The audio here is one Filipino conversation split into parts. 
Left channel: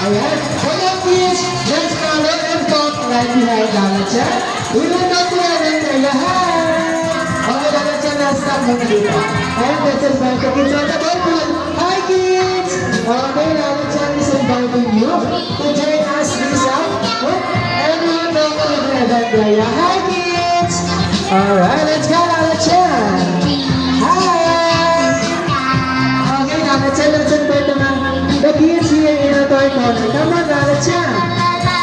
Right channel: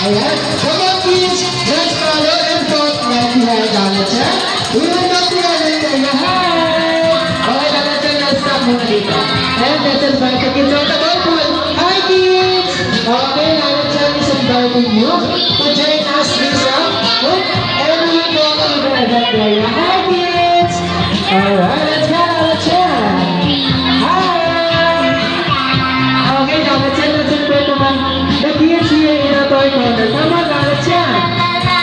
Ayan. Come on, kids. Let's follow and talk right behind Dalacha. We will not be able to hi. Okay, Dalacha, let's stop muna dito. And let's invite the kids on the ballpool. Hi, kids. Okay, Dalacha is inviting you to join us this up. And we will talk over that area. Hi, kids. Alright, let's go, Dalacha. Hi. Okay, Dalacha, let's invite naman the kids here in the toy corner. Come on, Dalacha.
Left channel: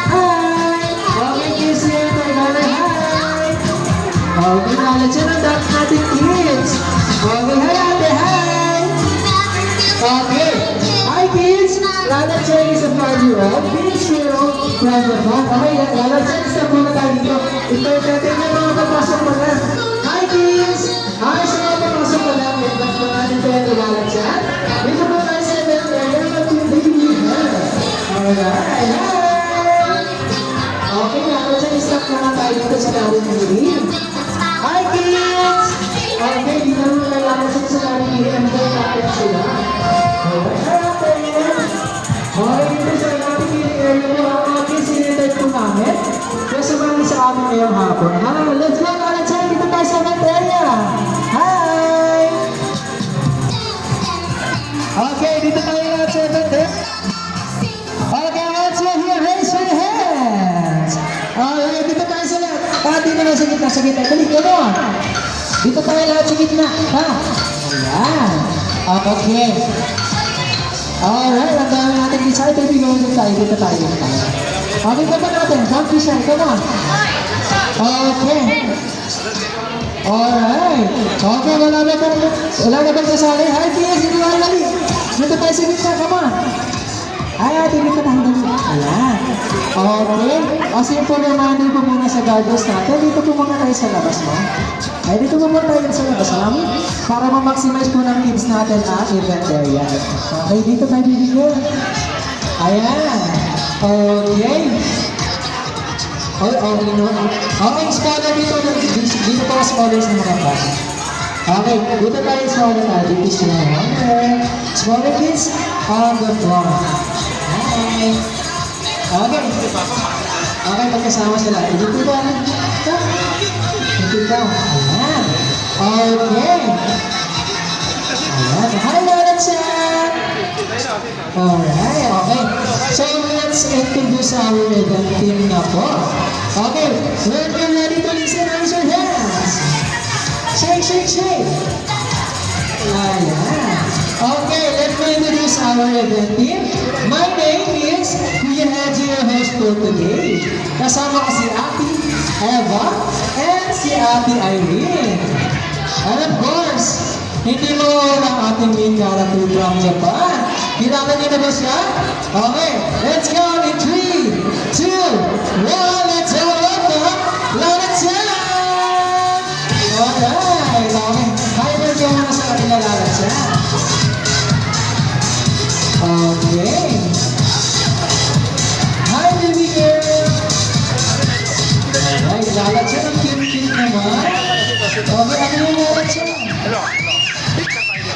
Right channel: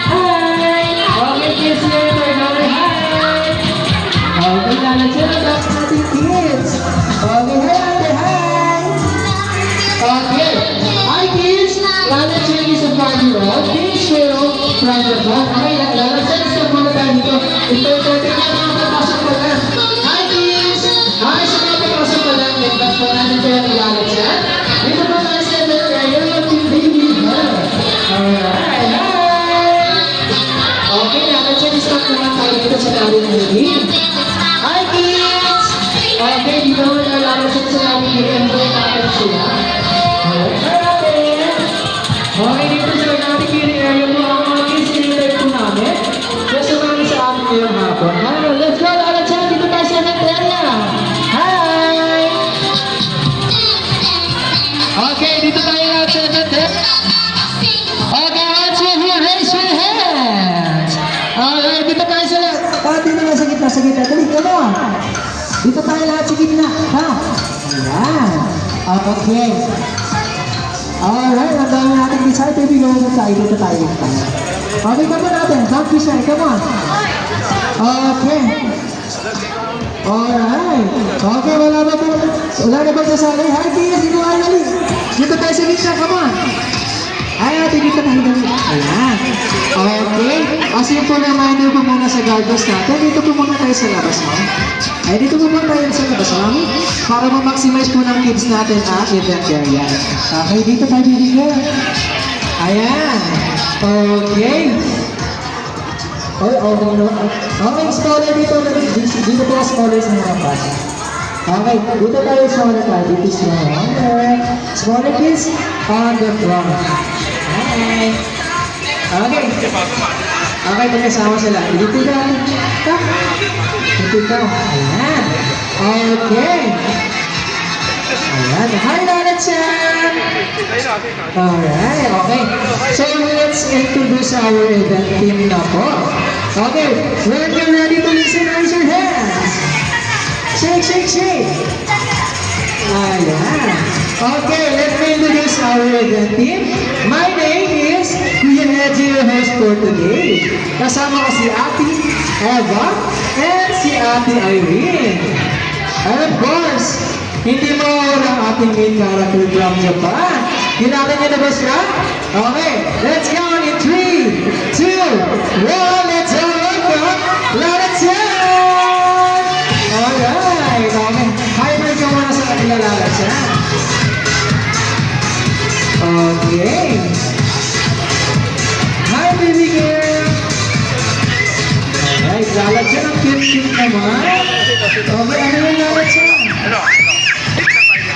Hi. Okay, kids here in the toy corner. Hi. Okay, Dalacha, that's natin kids. Okay, hi, ate, hi. Okay. Hi, kids. Dalacha is a 5-year-old. Kids will private one. Okay, Dalacha is a muna tayo dito. Ito, tingnan mga papasok pa lang. Hi, kids. Hi, sa mga papasok pa lang. Let's po natin ito yung Dalacha. Dito po tayo sa baby girl. Alright, hi. Okay, Dalacha, stop na tayo dito sa laro ng baby. Hi, kids. Okay, di ba naman Dalacha sa laro ng baby? Ano yung natin sila? Alright, hi, ate. Okay, dito sa natin kiri area mo, mga kids, sinilay po namin. Kasi naman sa amin ngayong hapon. Let's go, Dalacha, dito tayo sa next area. Hi! Okay, dito tayo lahat sa next area. Okay, once you're here, raise your hands. Okay, dito tayo sa lahat. Dito na sa gitna, sa gitna. Dali, come on. Dito tayo lahat sa gitna. Ha? Ayan. Okay. Alright, ang dami natin dito. Ito yung bigyan tayo. Dito tayo. Okay, come on natin. Don't be shy. Come on. Okay. Alright. Okay, wala na bang kasali? Hi, kids. Dito tayo lali. Dito tayo sa gitna. Come on. Ay, ate, dito tayo lali. Ayan. Okay. O, simple reminder po muna sa guardians natin. Dito po muna tayo sa labas mo. Ay, dito po muna tayo sa labas mo. Para ma-maximize po ng kids natin ang event area. Okay, dito tayo bibigyan. Ayan. Okay. Okay, scholar dito. Dito po scholar sa mga bata. Okay, dito tayo scholar tayo. Dito smaller. Smaller kids on the floor. Okay. Okay. Okay, pagkasama sila. Dito ka. Dito ka. Ayan. Okay. Ayan. Hi, Dalacha. Alright, okay. So, let's introduce our event team na po. Okay, when you're ready to listen, raise your hands. Shake, shake, shake. Ayan. Okay, let me introduce our event team. My name is Kuya Edgy, your host for today. Kasama ko si Ate Eva and si Ate Irene. And of course, hindi mo ng ating main character lang niya pa. Hinatan niyo na ba siya? Okay, let's go in 3, 2, 1, let's go! Dalacha! Alright, okay. Hyper ka muna sa kanila, Dalacha. Okay. Hi, baby girl! Alright, Dalacha, ang cute-cute naman. Okay, ano yung Dalacha?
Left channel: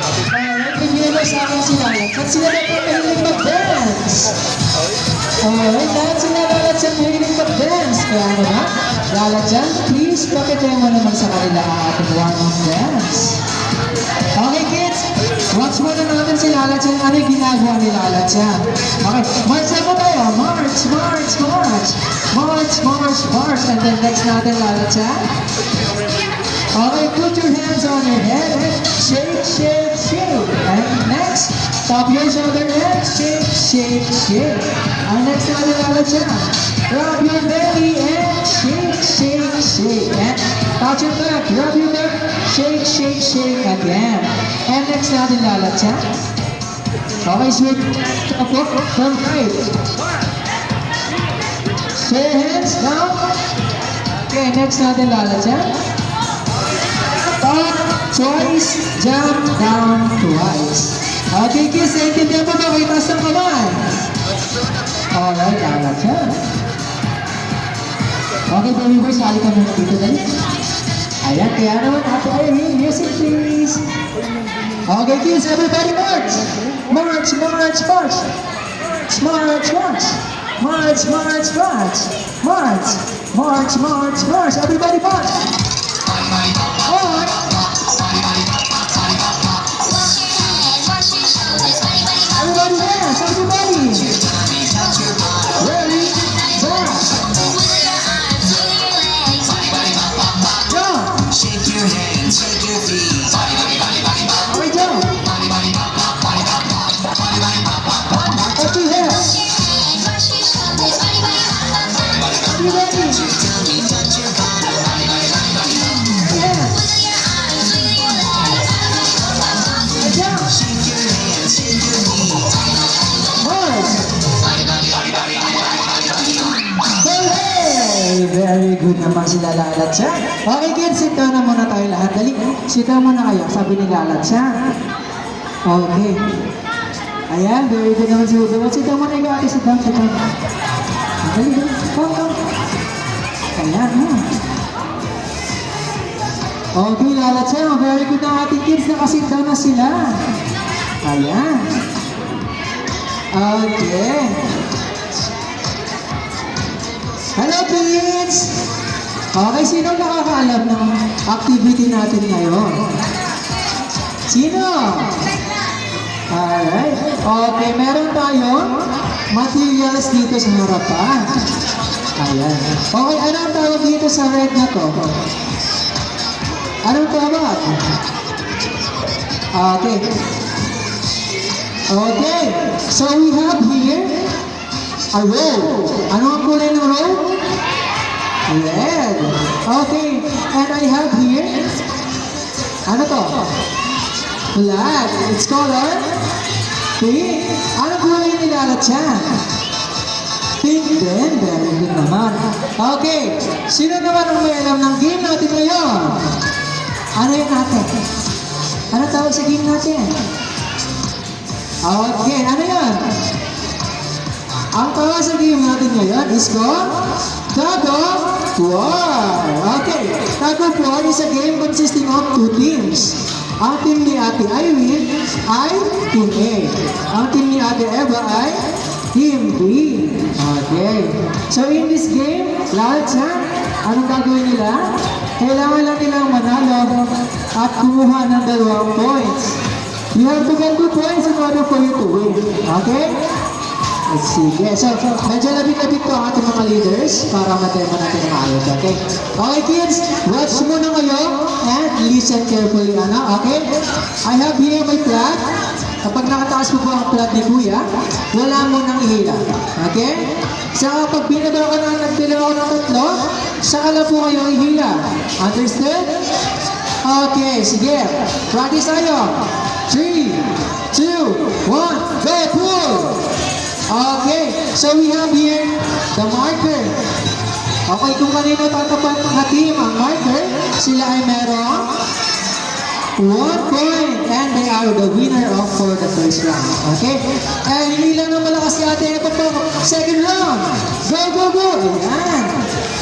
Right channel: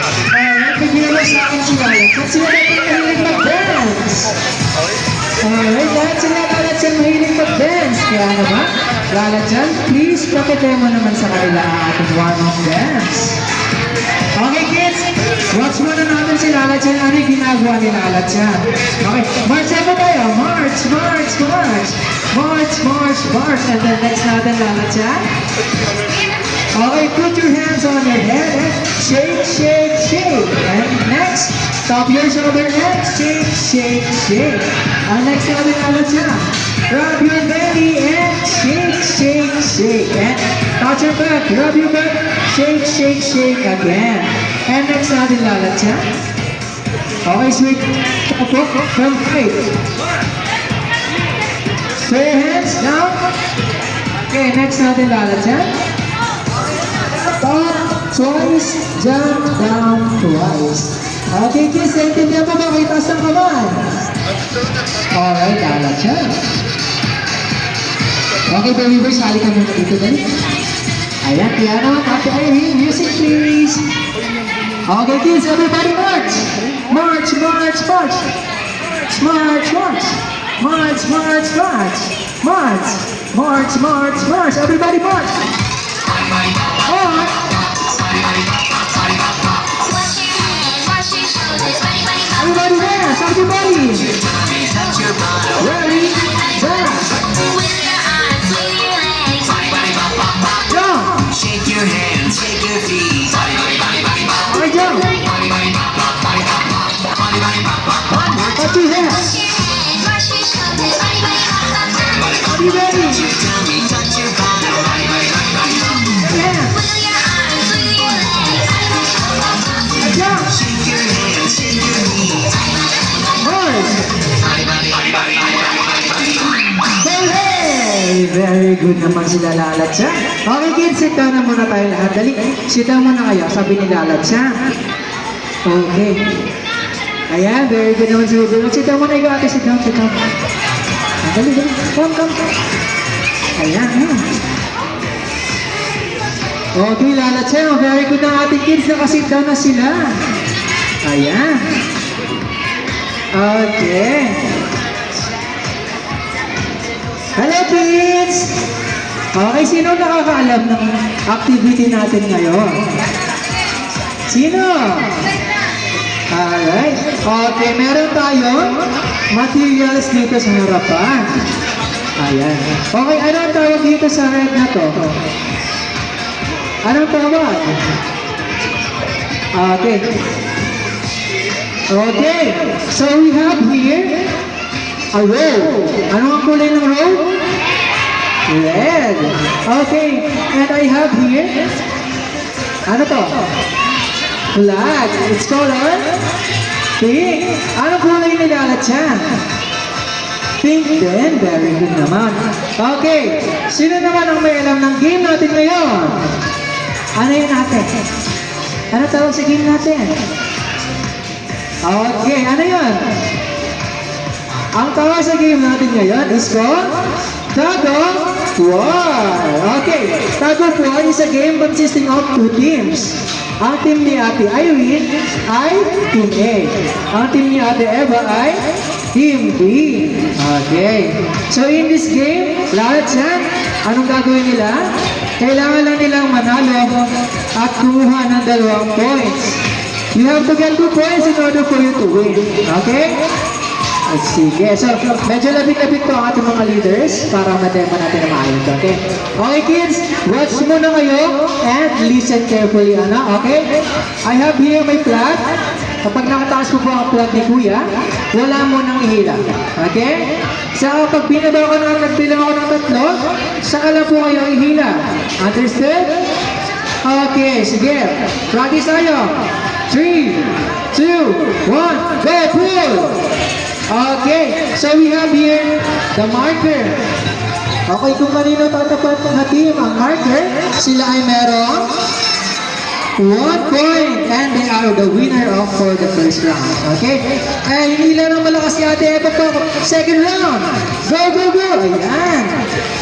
Alright, bigyan mo sa akin si Dalacha. Sila na po mahilig mag-dance. Alright, lahat sila Dalacha mahilig mag-dance. Kaya naman, Dalacha, please pakitaya mo naman sa kanila ang ating one-on dance. Okay, kids, watch mo na natin si Dalacha. Ano yung ginagawa ni Dalacha? Okay, march na po tayo. March, march, march. March, march, march. And then next natin, Dalacha. Okay, put your hands on your head and shake, shake, shake. And next, stop your shoulder and shake, shake, shake. And next natin, Dalacha. Rub your belly and shake, shake, shake. And touch your back, rub your back, shake, shake, shake again. And next natin, Dalacha. Okay, sweet. From height. So your hands down. Okay, next natin, Dalacha. Up, twice, jump down twice. Okay, kids, naintindihan mo ba? May taas ng kamay. Alright, Dalacha. Okay, baby boy, sali ka muna dito din. Ayan, piano, Ate Irene, music please. Okay, kids, everybody march! March, march, march! March, march. March, march, march. March, march, march, march. Everybody march. March. Everybody dance, everybody. Ready, dance. Jump. Shake your hands, shake your feet. I jump. Let's do that. You ready? Touch your Yeah. Jump. shake your hands, shake your feet. March. Hey! Very good naman si Lalat siya. Okay kids, sit down na muna tayo lahat. Dali, sit down muna kayo, sabi ni Lalat siya. Okay. Ayan, very good naman si Ruben. Sit down muna ikaw ate, sit down, sit down. Dali, dali, come, come. Ayan, yun. Okay, Lalat siya. Very good ng ating kids, nakasit down na sila. Ayan. Okay. Hello kids! Okay, sino nakakaalam ng activity natin ngayon? Sino? Alright. Okay, meron tayong materials dito sa harapan. Ayan. Okay, anong tawag dito sa red na to? Anong tawag? Okay. Okay, so we have here a row. Ano ang kulay ng row? Red. Okay, and I have here, ano to? Flag. It's color pink. Anong kulay nilalat siya? Pink din. Very good naman. Okay, sino naman ang may alam ng game natin ngayon? Ano yun natin? Ano tawag sa game natin? Okay, ano yan? Ang tawag sa game natin ngayon is called Tug of War. Okay, Tug of War is a game consisting of two teams. Ang team ni Ate Irene ay Team A. Ang team ni Ate Eva ay Team B. Okay, so in this game, lahat yan, anong gagawin nila? Kailangan lang nilang manalo at kumuha ng 2 points. You have to get 2 points in order for you to win. Okay? Sige. So, medyo labing-labing po ang ating mga leaders para ma-demo natin ang maayos. Okay? Okay, kids. Watch muna kayo and listen carefully. Ano? Okay? I have here my flag. Kapag nakataas po ang flag ni Kuya, wala mo nang ihila. Okay? So, kapag binaba ko na nagbilang ako ng 3, saka lang po kayo ihila. Understood? Okay, sige. Practice tayo. 3, 2, 1, go, pull! Okay, so we have here the marker. Okay, kung kanino tatapat na team ang marker, sila ay merong 1 point and they are the winner of for the first round. Okay? And hindi lang ang malakas si Ate Eva po. Second round. Go, go, go! Ayan.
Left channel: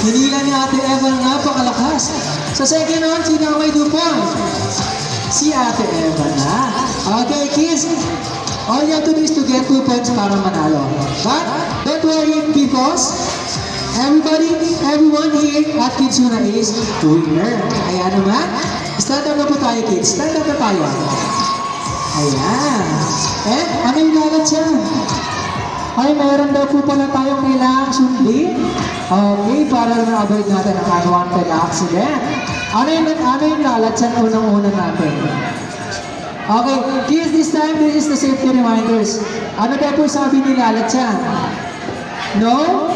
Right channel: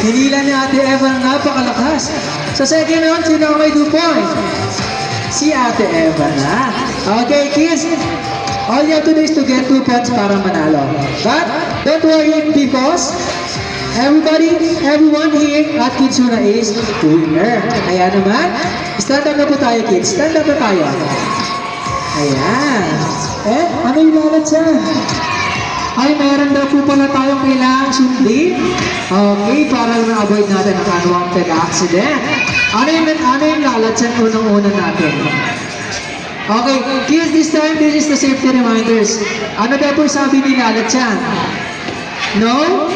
Hindi lang ni Ate Eva napakalakas. Sa second round, sino ang may 2 points? Si Ate Eva na. Okay, kids. All you have to do is to get 2 points para manalo. But don't worry because everyone here at Kidsuna is winner. Kaya naman, stand up na po tayo kids. Stand up na tayo. Ayan. Eh, ano yung lalat siya? Ay, mayroon daw po pala tayong kailangang sundin. Okay, para ma-avoid natin ang unwanted accident. Ano yung lalat siya unang-una natin? Okay, kids, this time, this is the safety reminders. Ano daw po sabi ni Lalat yan? No?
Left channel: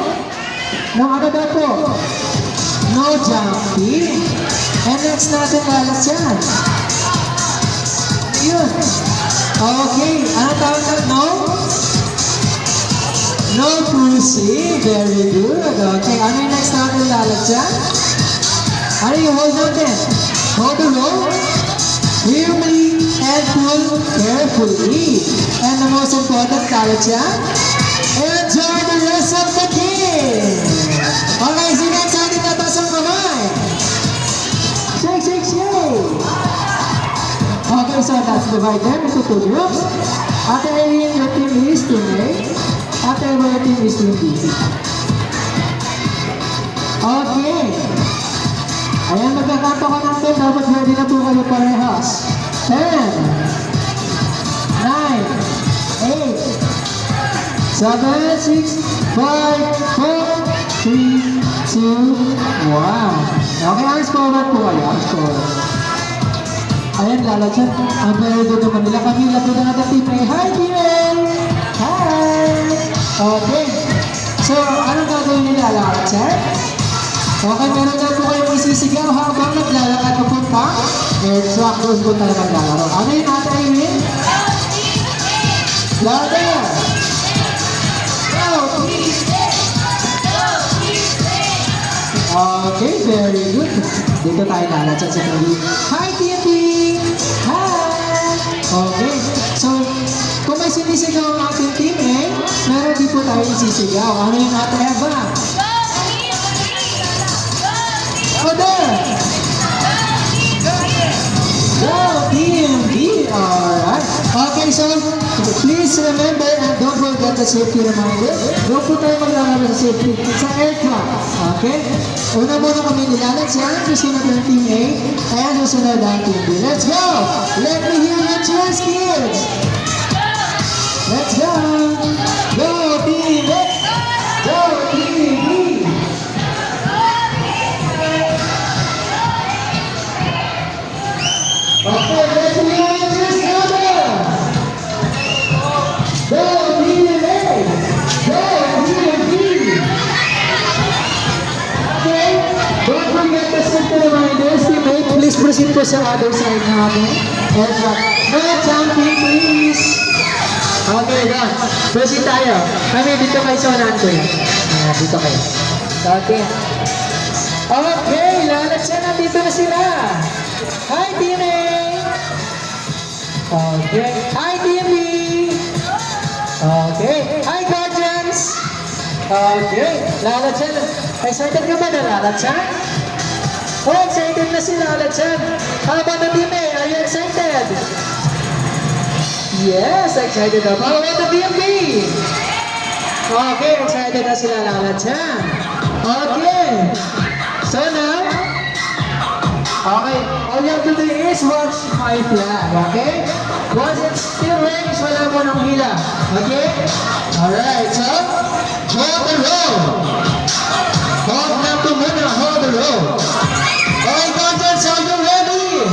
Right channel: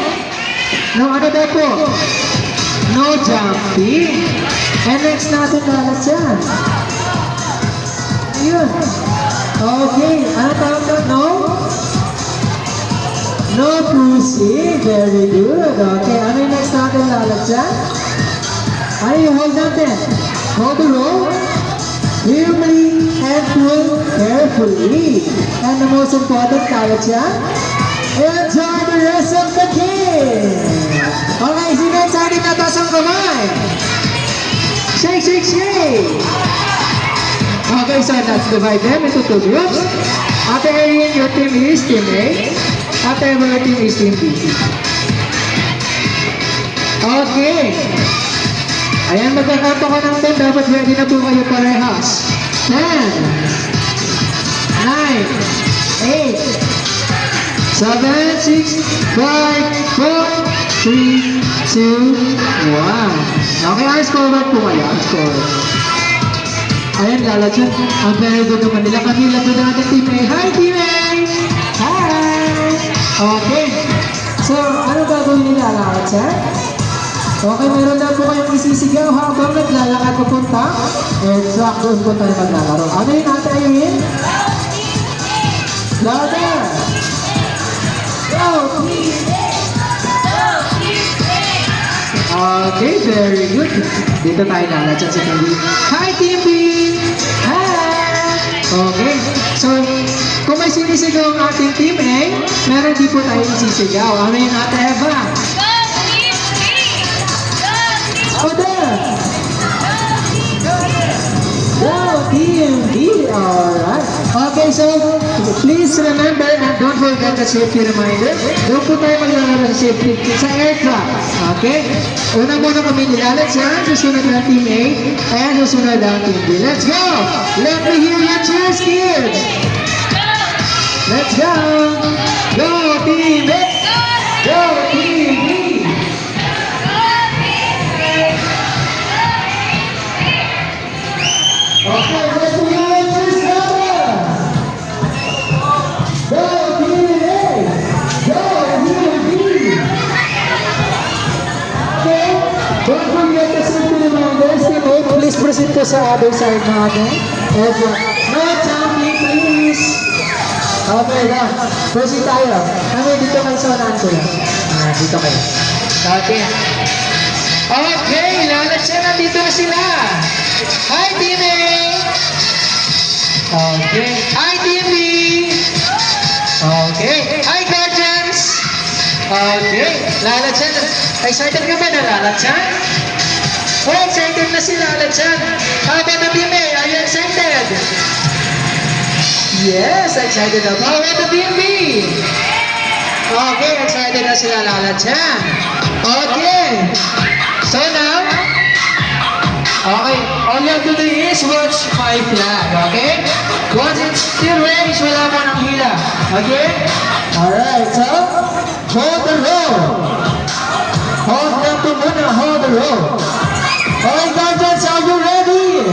No, ano daw po? No jumping. And next natin Lalat yan. Ano yun? Okay, ano tawag na? No? No pushing. Very good. Okay, ano yung next natin Lalat yan? Ano yung hold natin? Hold the rope. Firmly and pull carefully. And the most important, Lalat yan, enjoy the rest of the game. Okay, sino excited na taas ang kamay? Shake, shake, shake. Okay, so let's divide them into 2 groups. Ate Erin, your team is Team A. After our team is Team B. Okay. Ayan, magkakampo ka ng 10. Dapat ready na po kayo parehas. 10, 9, 8, 7, 6, 5, 4, 3, 2, 1. Okay, ang score po kayo. Ang score. Ayan, lalagyan. Ang very good naman nila. Kanila po natin Team A. Hi, Team A! Hi! Okay. So, anong gagawin nila? Lalakad, okay, meron daw po kayong isisigaw habang naglalakad papunta. Exact, doon po tayo maglalaro. Ano yun natin, Amy? Louder! Go, Team A! Okay, very good. Dito tayo lalakad sa Team B. Hi, Team B! Hi! Okay, so, kung may sinisigaw ang ating Team A, meron din po tayo isisigaw. Ano yun natin, Eva? Go Team B! Alright. Okay, so please remember and don't forget the safety reminder. Don't po tayo maglalaro sa safety sa aircraft. Okay? Una muna kami nilalat sa susunod ng Team A and susunod ng Team B. Let's go! Let me hear your cheers, kids! Let's go! Go Team A! Go Team B! Okay, let's hear your cheers, numbers! Go Team A! Go Team B! Okay, don't forget the safety reminders. Team A, please proceed po sa other side natin. No jumping, please! Okay, done. Proceed tayo. Kami dito kayo sa unahan ko yan. Dito kayo. Okay. Okay, lalat siya. Nandito na sila. Hi, Team A! Okay. Hi, Team B! Okay. Hi, Guardians! Okay. Lalat siya. Excited ka ba na lalat siya? Oh, excited na si lalat siya. How about the Team A? Are you excited? Yes, excited na. How about the Team B? Okay, excited na sila lalat siya. Okay. So now, okay, all you have to do is watch my flag, okay? Once it's still raised, wala mo ng hila, okay? Alright, so, hold the roll. Hold lang po muna, hold the roll. Okay, Guardians, are you ready?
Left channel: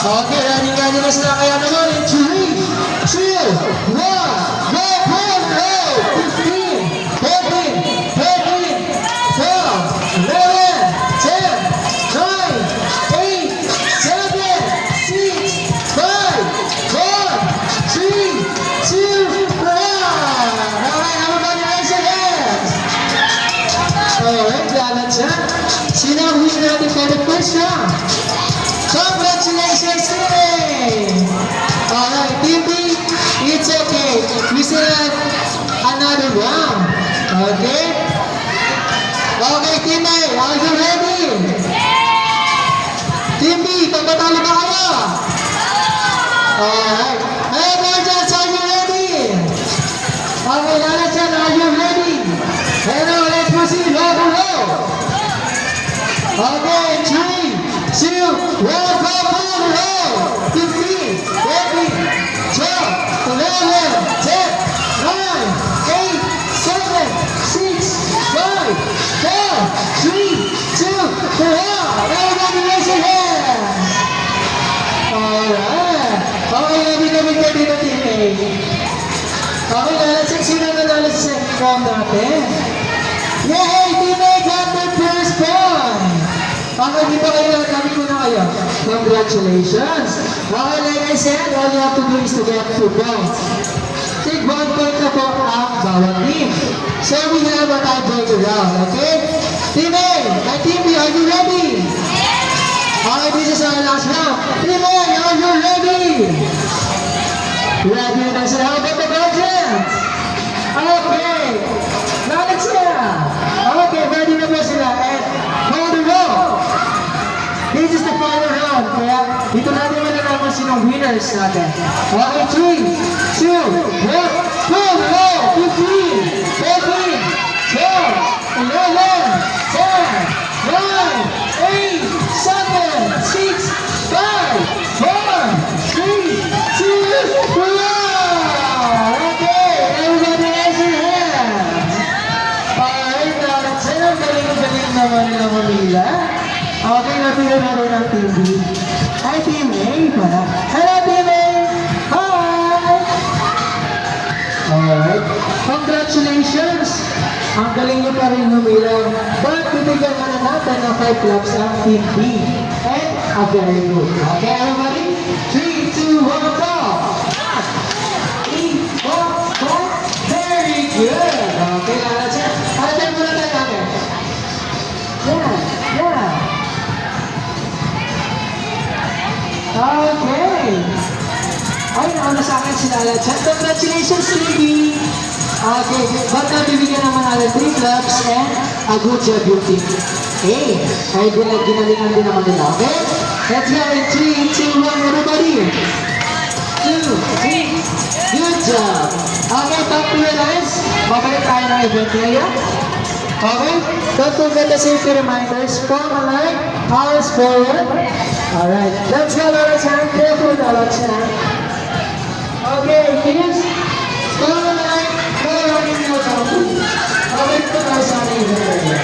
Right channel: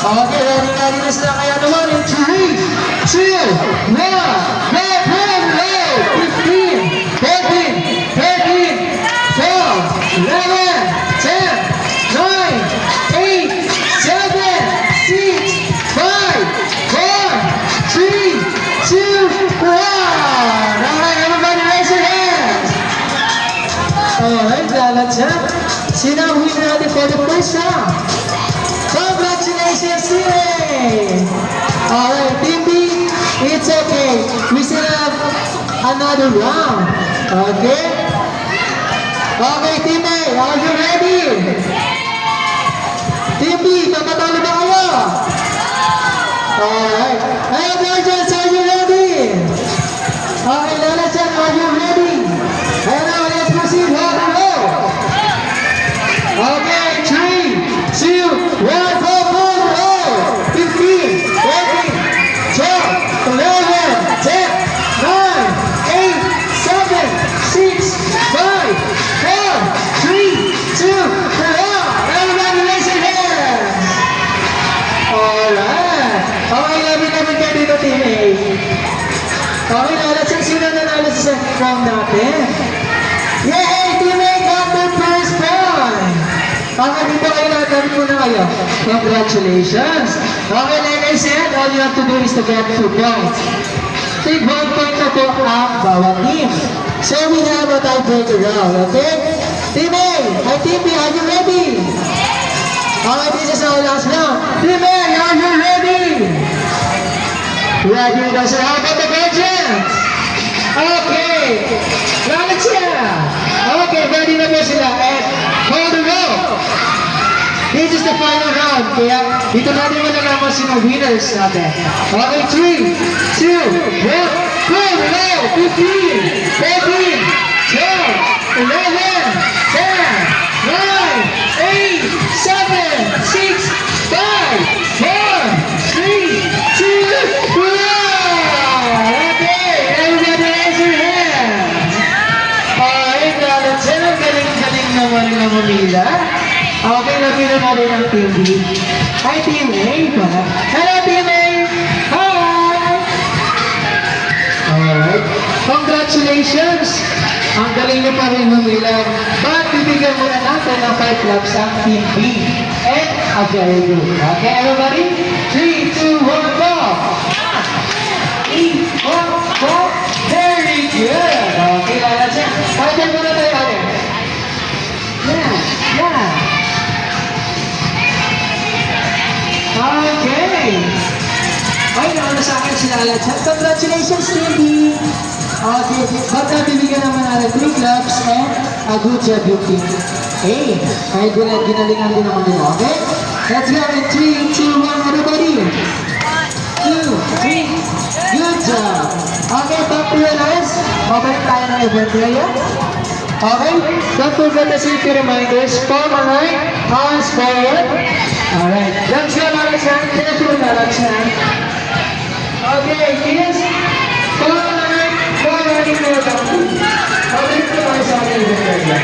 Okay, ready na sila. Kaya naman, in 3, 2, 1, let him roll! 15, 14, 13, 12, 11, 10, 9, 8, 7, 6, 5, 4, 3, 2, 1. Alright, everybody raise your hands. Alright, lalat siya. Sino ang winner natin for the first round? Congratulations, Team A! Alright, Team B, it's okay. We still have another round. Okay? Okay, Team A, are you ready? Team B, kapatalo ba kayo? Alright. Hey, Guardians, are you ready? Okay, Lalachan, are you ready? Hello, let's proceed. Hold the roll. Okay, 3, 2, 1, go, roll. 15, 14, 12, 11, 10, 9, 8, 7, 6, 5, 4, 3, 2, 1. Everybody raise your hand. Alright. Okay, lagi namin kayo dito, Team A. Okay, lalasing sino na nalo sa second round natin. Yay! Team A got the first point! Okay, dito kayo lahat muna kayo. Congratulations! Okay, like I said, all you have to do is to get 2 points. Take 1 point na po ang bawat team. So we have a tiebreaker round, okay? Team A! Hi, Team B, are you ready? Okay, this is our last round. Team A, are you ready? Ready na sila. How about the Guardians? Okay. Lalat sila. Okay, ready na ba sila? And hold the roll. This is the final round. Kaya dito natin malalaman sino winners natin. Okay, 3, 2, 1. Good, go! 15, 14, 12, 11, 10, 9, 8, 7, 6, 5, 4, 3, 2, 1! Okay, everybody raise your hands. Alright, Lalachan, galing-galing naman na humila. Okay, lapitan natin ang Team B. Hi, Team A pala. Hello, Team A! Hi! Alright, congratulations! Ang galing niyo pa rin humila. But bibigyan muna natin ng 5 claps ang Team B. And a very good. Okay, everybody? 3, 2, 1, go! 3, 4, 4. Very good! Okay, Lalachan. Pagkat muna tayo natin. Yeah, yeah. Okay. Ay, nauna sa akin si Lalachan. Congratulations, Team B. Okay, but bibigyan naman natin 3 claps and a good job yung Team A. Kahit ginalingan din naman nila, okay? Let's go in 3, 2, 1, everybody. 2, 3. Good job. Okay, talk to your hands. Babalik tayo ng event ngayon. Okay, don't forget the safety reminders. Palm on right, hands forward. Alright, let's go, Lalachan. Careful, Lalachan. Okay, kids. Palm on right, palm running now down. Okay, ito tayo sa ating event ngayon.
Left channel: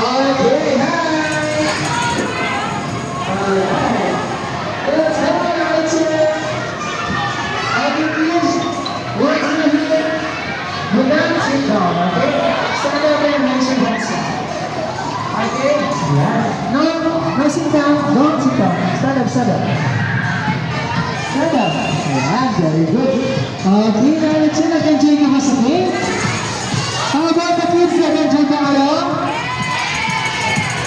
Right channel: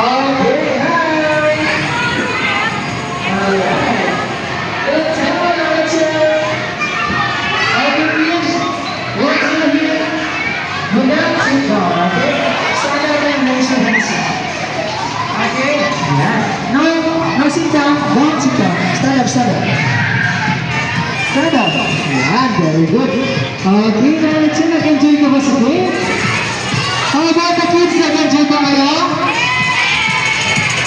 Okay, hi. Alright. Let's go, Lalachan. Okay, kids. What's in here? Do not sit down, okay? Stand up and raise your hands up. Okay? Yeah. No sit down. Don't sit down. Stand up, stand up. Stand up. Yeah, very good. Okay, Lalachan, nag-enjoy ka ba sa game? How about the kids? Nag-enjoy ba kayo?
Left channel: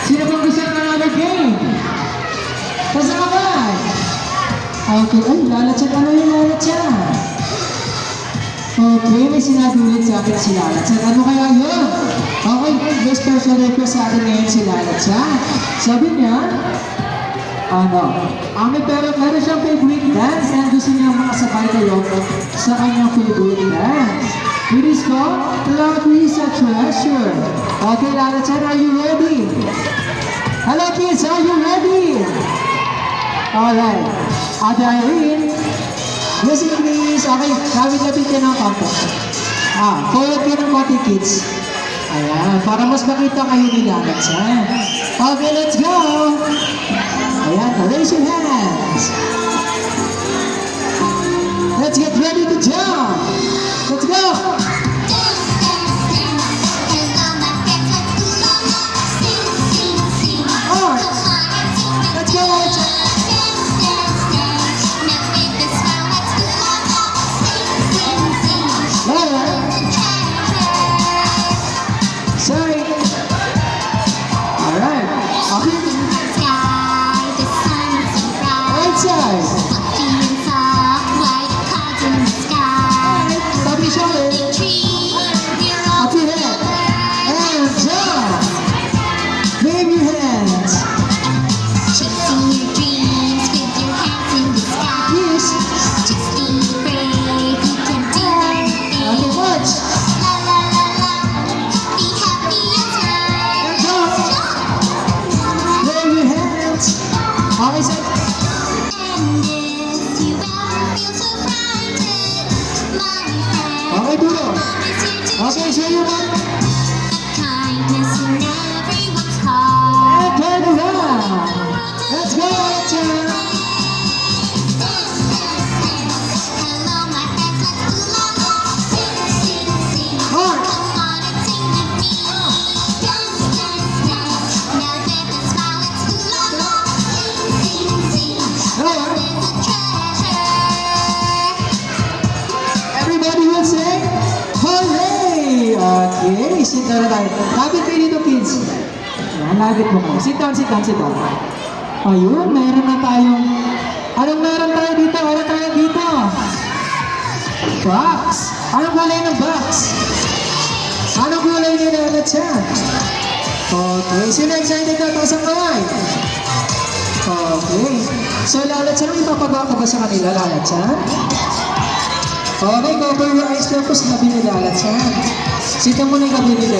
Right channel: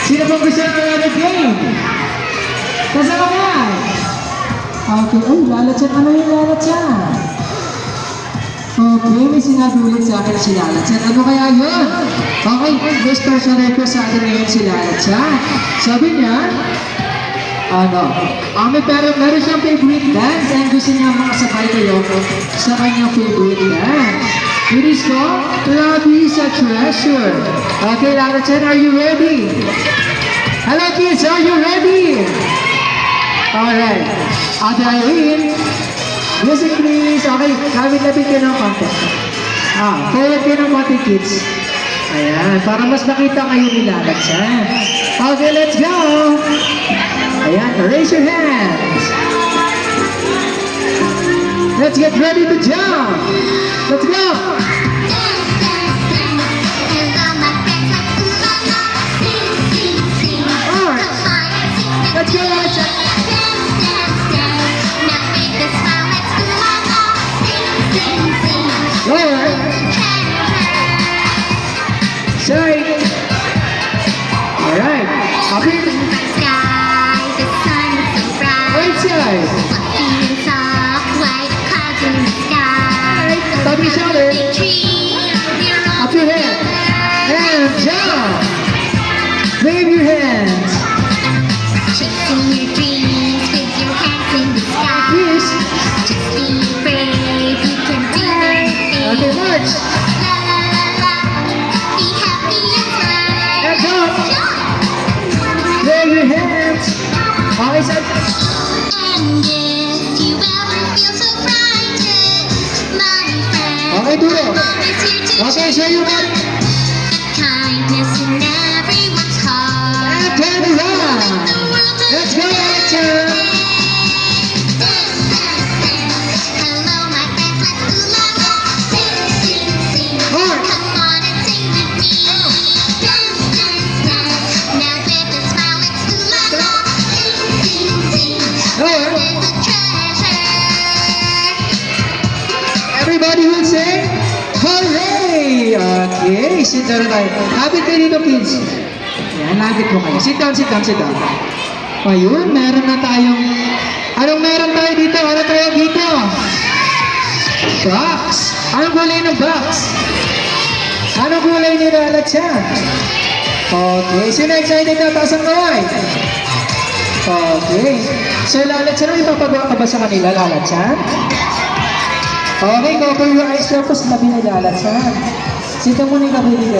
Sino bang gusto nyo na game? Nasa ka ba? Okay, oh, Lalachan, ano yung Lalachan? Okay, may sinabi ulit sa akin si Lalachan. Ano kaya yun? Okay, may special request sa akin ngayon si Lalachan. Sabi niya, meron siyang favorite dance and gusto niya makasabay kayo sa kanyang favorite dance. It is called Love is a Treasure. Okay, Lalachan, are you ready? Hello kids, are you ready? Alright, Adain. Music please. Okay, lapit-lapit ka ng konti. Forward ka ng konti kids. Ayan, para mas makita kayo ni Lalachan. Okay, let's go! Ayan, raise your hands. Let's get ready to jump. Let's go! Alright, let's go, Lalachan. Alright. Sorry. Alright. Okay. Right side. Stop each other. Up your head. And jump. Wave your hands. Chasing your dreams with your hands in the sky. Yes. Just be brave, you can do anything. Okay, march. La la la la, be happy and smile. And jump. Wave your hands. Okay, side. And if you ever feel so frightened, my friend, Okay, duro. love is here to Okay, show you that. kindness in everyone's heart. And turn around. Let's go, Lalachan. Hello, my friends, let's do la la. Sing, sing, sing. March. Come on and sing with me. Dance, dance, dance. Now with a smile, let's do la la. Sing, sing, sing. Alright. There's a treasure. Everybody will say, hooray! Okay, sit down tayo. Lapit kayo dito, kids. Ayan, lapit mo kayo. Sit down, sit down, sit down. Ayun, meron na tayong... Anong meron tayo dito? Ano tayo dito? Box. Anong kulay ng box? Anong kulay ni Lalachan? Okay, sino excited na? Taas ang kamay. Okay. So, Lalachan, may papagawa ka ba sa kanila, Lalachan? Okay, cover your eyes tapos labi na lalasan. Sita mo na yung labi nila.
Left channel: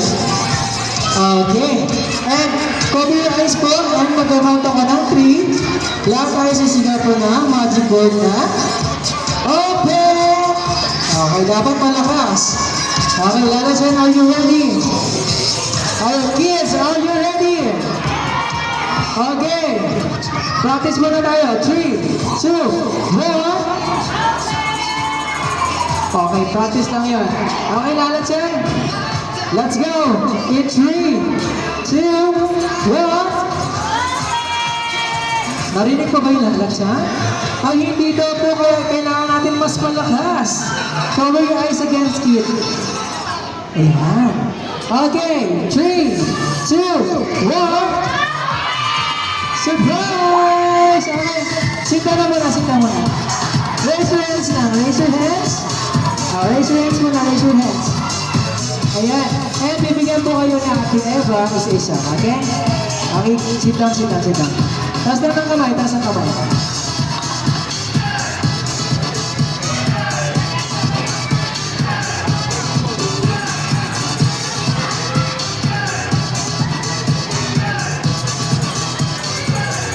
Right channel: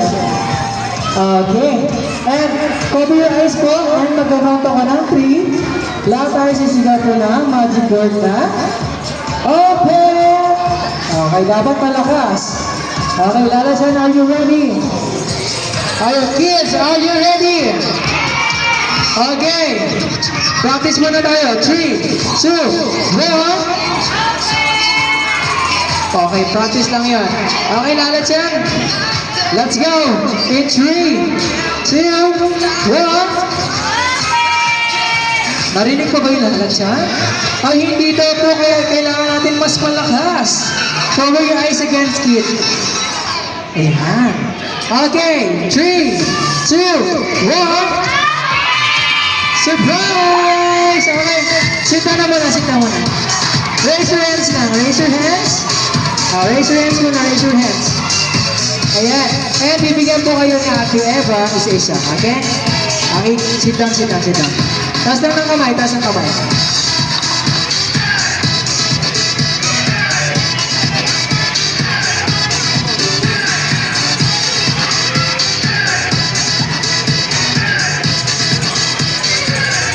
Okay. And cover your eyes po. And mag-count ako ng 3. Lahat tayo sisigaw po na. Magic word na. Open! Okay, dapat malakas. Okay, lalasan. Are you ready? Alright, kids, are you ready? Okay. Practice muna tayo. 3, 2, 1. Okay, practice lang yun. Okay, lalasan. Let's go! In 3, 2, 1. Narinig pa ba yung lalasan? Ang hindi daw po kaya kailangan natin mas malakas. Cover your eyes again, kid. Ayan. Okay, 3, 2, 1. Surprise! Okay, sita na muna, sita muna. Raise your hands lang, raise your hands. Raise your hands muna, raise your hands. Ayan. And bibigyan po kayo ni Ate Eva isa-isa. Okay? Okay, sit down, sit down, sit down. Taas lang ng kamay, taas ng kamay.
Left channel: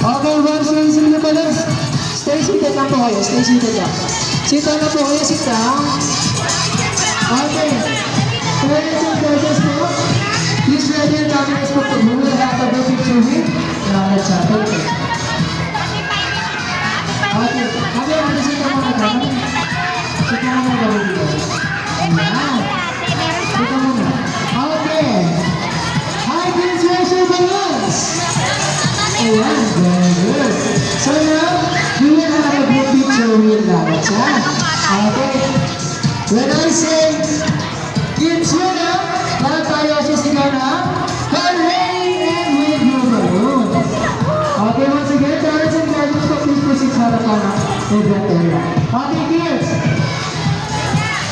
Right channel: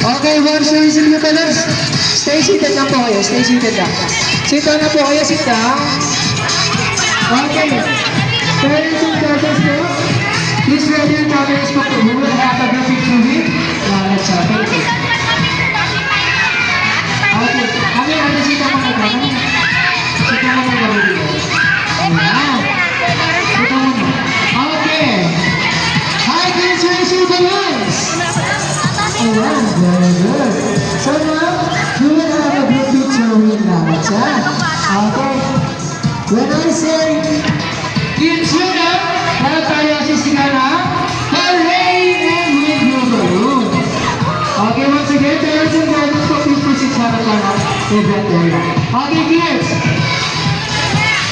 Okay, once you receive your balance, stay seated lang po kayo, stay seated lang. Sit down na po kayo, sit down. Okay. Parents and parents po, please ready your cameras po po. We will have a good picture with thank you. Okay. Ate, sita mo na ito. Sita mo na ito dito. Ayan. Sita mo na. Okay. Hi, kids, raise your balloons. Ayan, very good. So now, we will have a group picture with Lalacha. Okay. When I say, kids yun na, lahat tayo sisigaw na, hooray and with your balloon. Okay, once again, parents and guardians po, please proceed sa harapan na event area. Okay, kids.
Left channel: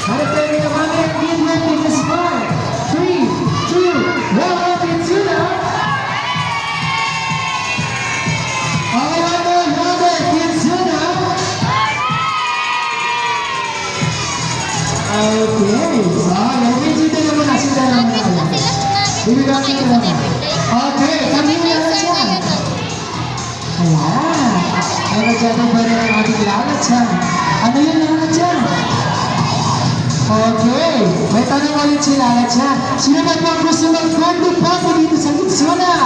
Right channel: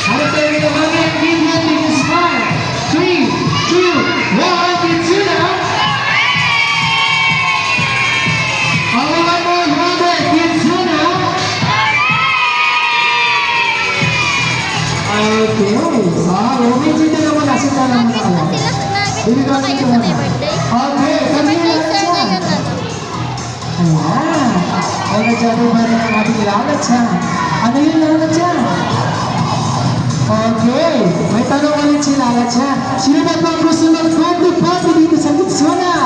Harap tayo ng mommy and give your biggest smile. 3, 2, 1, kids yun na. One more number, kids yun na. Okay. Okay, sita na muna, sita na muna kayo. Ibigay sita muna. Okay, kami lahat yan. Ayan. Ay, nadyado ba rin ang ating lahat yan? Ano yung lahat yan? Okay. May tanong ulit si lahat yan. Sino ba po ang gusto mag-party dito sa Litsuna?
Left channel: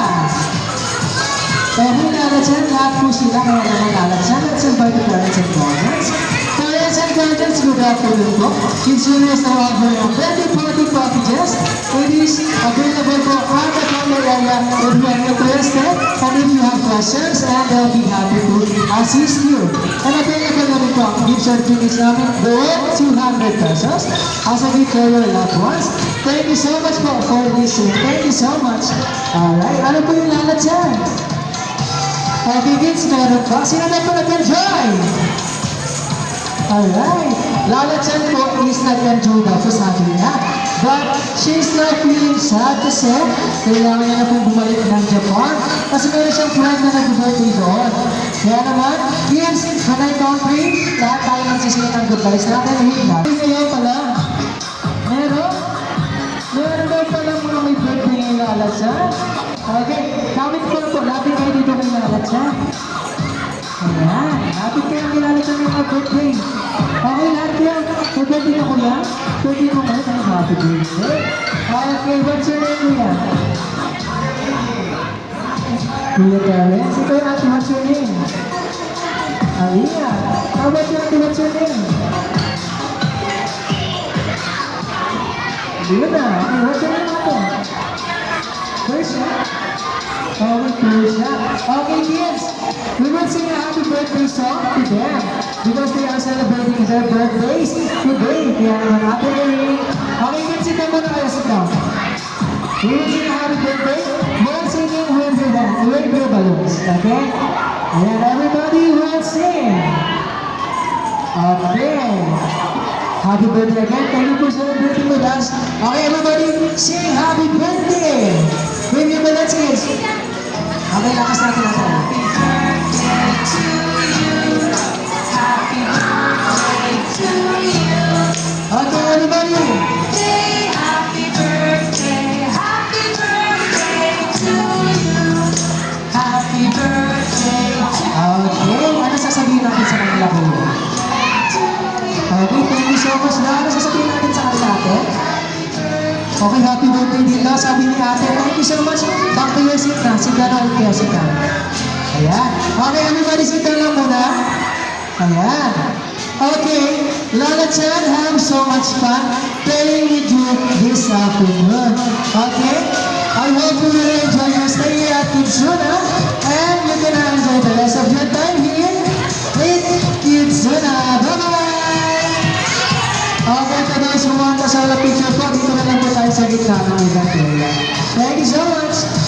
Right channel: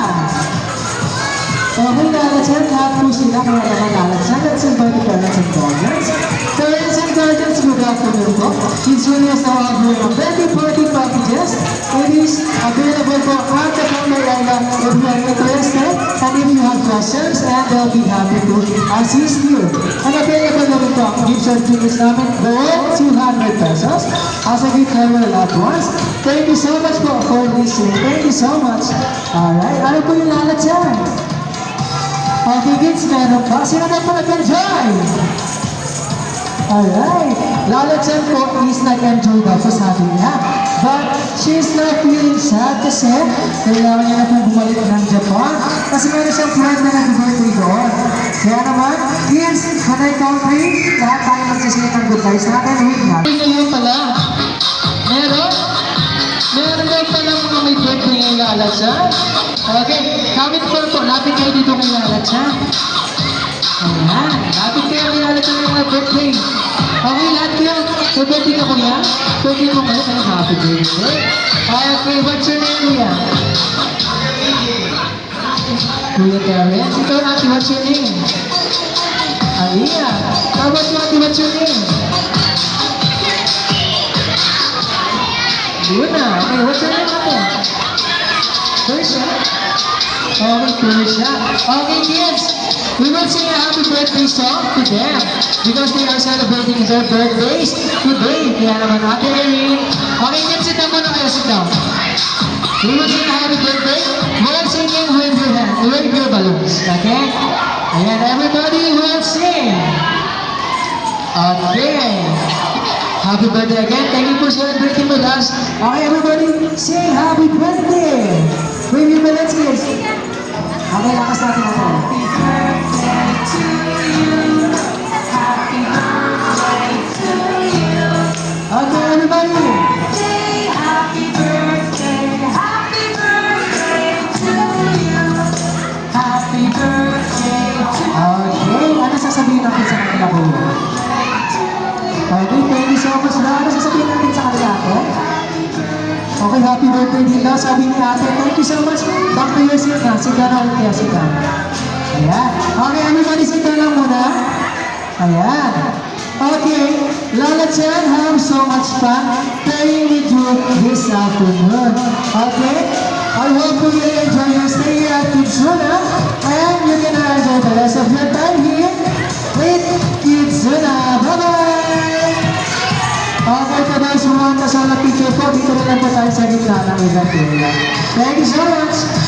Okay, lahat yan. Lahat po sila. Kaya naman lahat yan. Let's invite the parents and guardians. Parents and guardians, good afternoon po. Litsuna is now offering a birthday party packages. It is available po at the counter area if you are interested and if you have questions, and they'll be happy to assist you. And available na rin po ang gift certificates namin worth 200 pesos as a gift for your loved ones. Thank you so much po for listening. Thank you so much. Alright, ano po yung lalat yan? Okay, kids, meron pa. Sino na po nag-enjoy? Alright, Lala-chan po is nag-enjoy daw po sabi niya. But she's not feeling sad kasi kailangan niya na pong bumalik ng Japan kasi meron siyang friend na nag-birthday doon. Kaya naman, kids, when I count 3, lahat tayo magsisingin ng goodbye sa atin. Wait na. Ngayon pala, meron daw pala mga may birthday ng Lala-chan. Okay, kapit po, lapit kayo dito kay Lala-chan. Ayan, lapit kayo kay Lala-chan ng mga birthday. Okay, lahat kayo. May birthday ka, kuya? Birthday mo kayo, kaya happy birthday. Okay, what's your name, kuya? Kuya Terence. Ikaw, ate, what's your name? Aliyah. How about you, ate, what's your name? Luna. Okay, what's your name, ate? Persia. Okay, Persia. Okay, kids. We will sing a happy birthday song to them because they are celebrating their birthdays today. Kaya naman ate Erin. Okay, kids, sit down muna kayo, sit down. We will sing a happy birthday. While singing, wave your hand, wave your balloons. Okay? Ayan, everybody will sing. Okay. Happy birthday again. Thank you for celebrating with us. Okay, everybody, sing happy birthday. Wave your balloons, kids. Okay, lakas natin natin. Happy birthday to you. nila kuya. Okay, thank you so much. Ano sasabihin natin sa kanila ate? Okay, happy birthday din daw, sabi ni ate. Thank you so much. Back to your seat na. Sit down ulit kaya sit down. Ayan. Okay, everybody sit down lang muna. Ayan. Okay, Lola Chan, have so much fun playing with you this afternoon. Okay? I hope you will enjoy your stay here at Kidzuna and you can enjoy the rest of your time here with Kidzuna. Bye-bye! Okay, for those who want to sa picture po, dito na lang po tayo sa gitna ng event area. Thank you so much!